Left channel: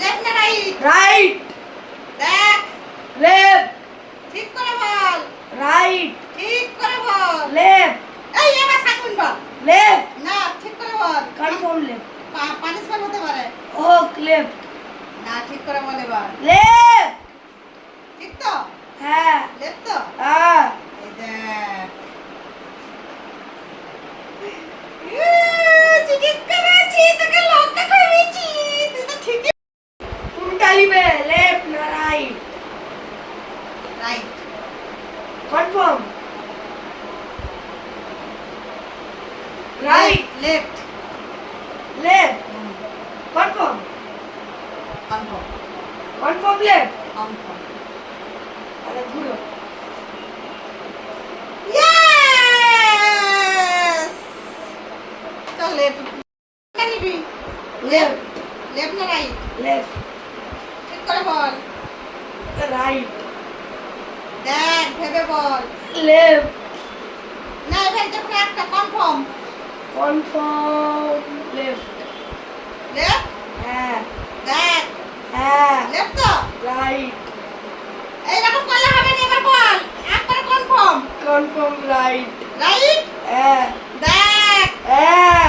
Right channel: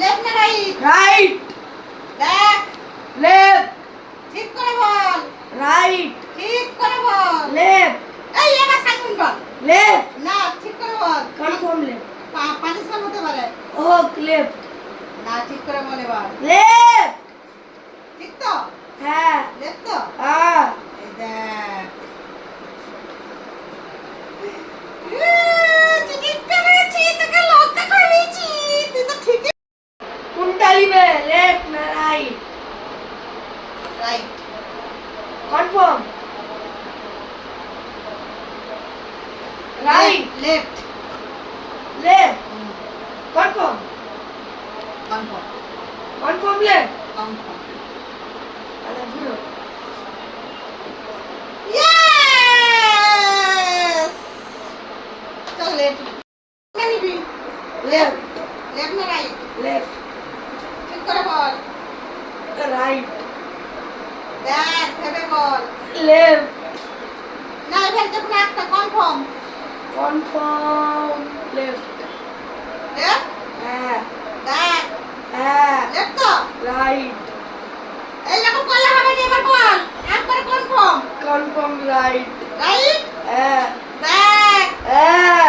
Left না right? Right. দেখ। Left. ঠিক করে বল। রাইট। ঠিক করে বল। লেফট। এই এবার সাইকুন বল। লেফট। না ঠিক করে বল। Confirm left. পানিশমেন্ট হতে পারে। হোক লেফট। না ঠিক করে বল এবার। লেফট। ঠিক তো? হ্যাঁ। লেফট তো? হ্যাঁ। এই দেখ। চিকিৎ করেছি তোকে লঙ্কা খাইয়েছি তুই তো ঠিকই। কোনটা নিবে, লেফট না right? Right. Confirm. Right. Left. Left. Confirm. Confirm. Confirm left. Confirm. তাহলে ঘুরো। ইয়েস। চল লেফট। কোনটা নিবি? লেফট। লেফট না রাইট? লেফট। ঠিক করে বল। রাইট। দেখ ভেবে বল। লেফট। না এবার যখন একটা কনফার্ম। Confirm left. লেফট। হ্যাঁ। দেখ। হ্যাঁ। লেফট তো? রাইট। এইরকম করলে হবে না, এবার বল। একবার কনফার্ম। Confirm right. রাইট। হ্যাঁ। দেখ। হ্যাঁ।